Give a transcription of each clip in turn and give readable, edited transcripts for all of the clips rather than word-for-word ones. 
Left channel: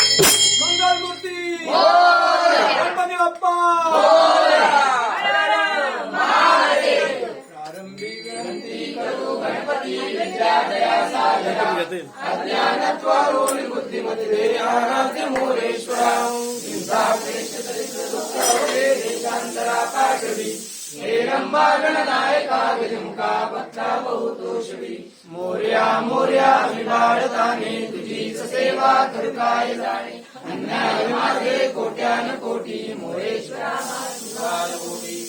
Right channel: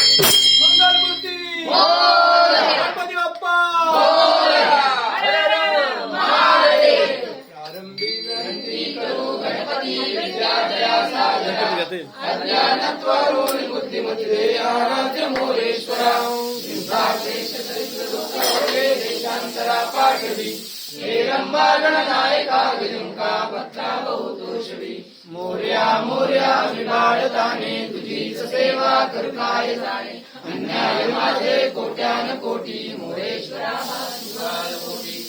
मंगलमूर्ती गणपती बाप्पा प्रारंभी विनंती करू गणपती विद्या दया साधना अज्ञानत्वरून बुद्धिमत्ते आराध्य मोरेश्वरा देशांतरा पाठवी हेरंबा गणनायका विजुंका भक्ता बहुतोषवी मोर्या मोर्या विभाडताने तुझीच सेवा करताय जाणे अन्याय माझे कोट्यान कोटी मोरेश्वरा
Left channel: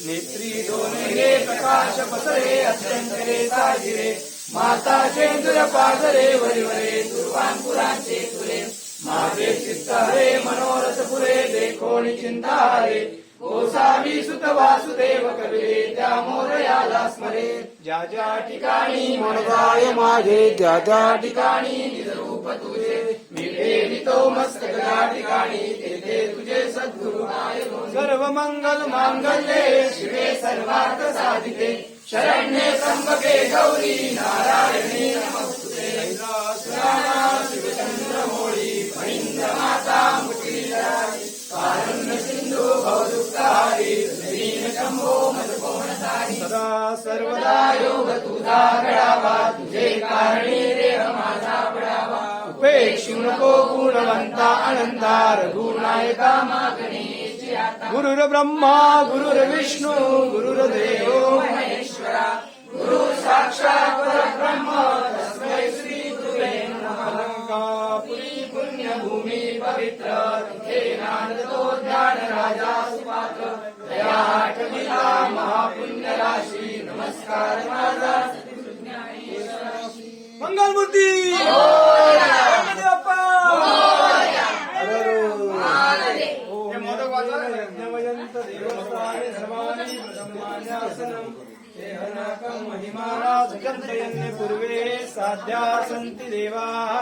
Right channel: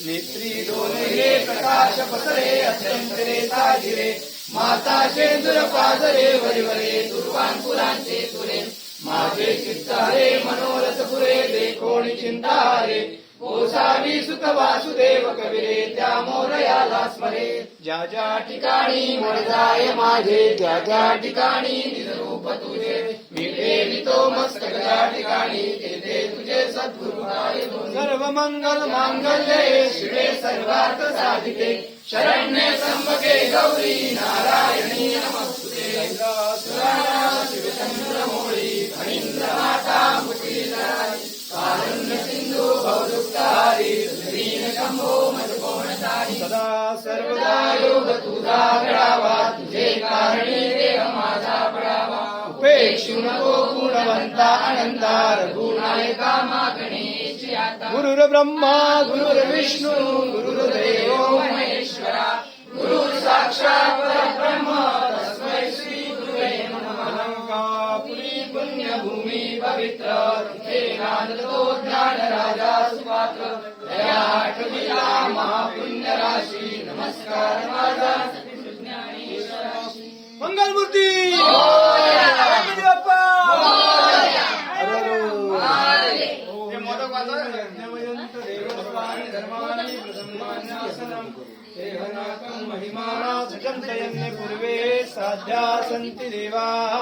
नेत्री डोने हे प्रकाश पसरे अत्यंतरे साजिरे माता शेंदुर पाजरे वरिवरे दुर्वांकुरांचे तुरे माझे चित्त हरे मनोरथ पुरे देखोणी चिंता हरे गोसावी सुत वासुदेव कविरे त्या मोरयाला स्मरे ज्या ज्या ठिकाणी मनजाय माझे ज्या ज्या ठिकाणी निजरूप तुझे मी ठेवितो मस्तक त्या ठिकाणी तेथे तुझे सद्गुरुराय सर्व मंगल मांगल्ये शिवे सर्वार्थ साधिके शरण्ये त्र्यंबके गौरी नारायणी नमस्तुते शिवचंद्र मोळी फणींद्र माता मुक्तीदायी कारुण्य सिंधू भवदुःखहारी दीन शंभो मदकोणधारी सदा सर्वदा योग तुझा घडावा तुझे कारणी देह माझा पडावा उपेक्षू नको गुणवंता अनंता रघुनायका मागणेची आता गुरुर्ब्रह्मा गुरुर्विष्णू गुरुर्देव महेश्वरा गुरु साक्षात् परब्रह्म तस्मै श्री गुरुवे नमः अलंकापुरी पुण्यभूमी पवित्र तिथे नांदतो ज्ञान राजा सुपात्र दया आठविला महापुण्य राशी नमस्कार माझा मंगलमूर्ती गणपती बाप्पा यज्ञवयंत देवस्वामी धर्माणी प्रथमान्यासनम् महिमाना जगन्तयन्ति पूर्वे साध्या सन्ति देवाः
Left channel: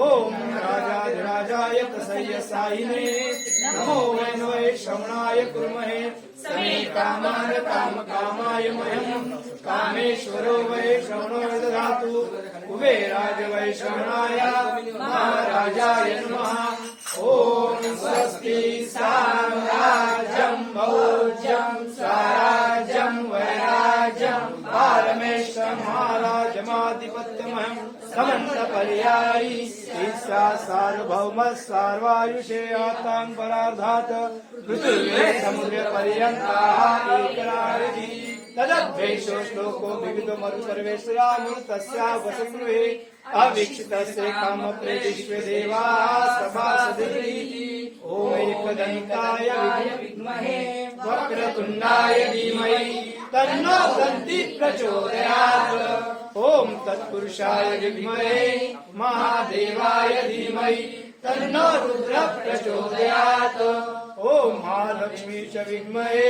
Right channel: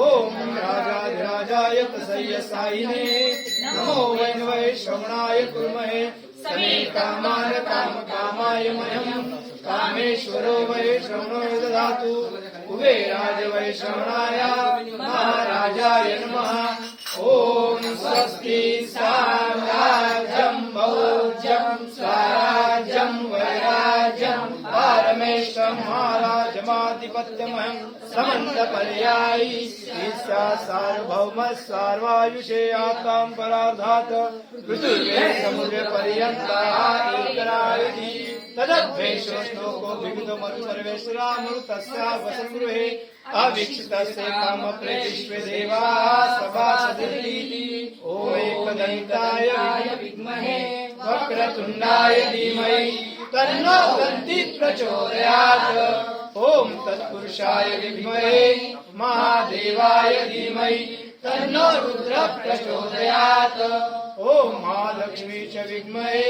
ॐ राजाधिराजाय प्रसय्य सायिने नमो वै श्रवणाय कुर्महे समे कामान कामकामाय मह्यम् कामेश्वरो वै श्रवणो ददातु कुबेराज वै श्रवणाय महाराजाय नमः ॐ स्वस्ति साम्राज्यं भोज्यं स्वराज्यं वैराज्यं पारमेश्वरमहाराजमाधिपत्यमहं समन्तपर्यायी ईश्वा सार्वभौमः सार्वायुषे आत्तां परार्धात् पृथिवे समुद्रपर्यन्ताः एकनायकी तदद्वेषो श्लोको विविधमरुपरमेश्वरामृतस्या वसगृहे अवीक्षितस्य कामप्रेतिष्वे देवाः सभासदिति ॐ एकदन्ताय विद्महे वक्रतुण्डाय धीमहि तन्नो दन्ति प्रचोदयात् ॐ तत्पुरुषाय विद्महे महादेवाय धीमहि तन्नो रुद्रः प्रचोदयात् ॐ महालक्ष्मी च विद्महे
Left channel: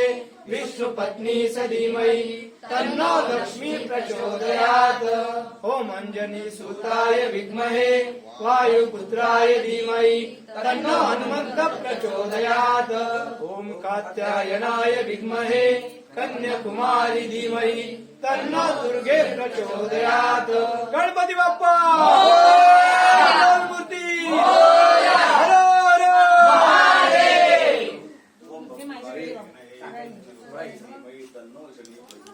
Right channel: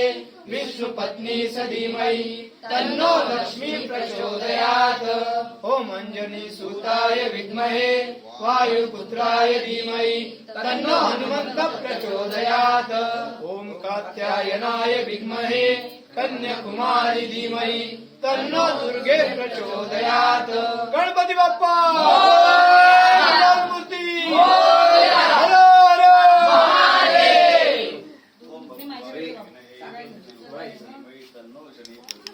विष्णुपत्नी च धीमहि तन्नो लक्ष्मी प्रचोदयात् ॐ अंजनी सुताय विद्महे वायुपुत्राय धीमहि तन्नो हनुमन्तः प्रचोदयात् ॐ कात्यायनाय विद्महे कन्याकुमारी धीमहि तन्नो दुर्गे प्रचोदयात् गणपती बाप्पा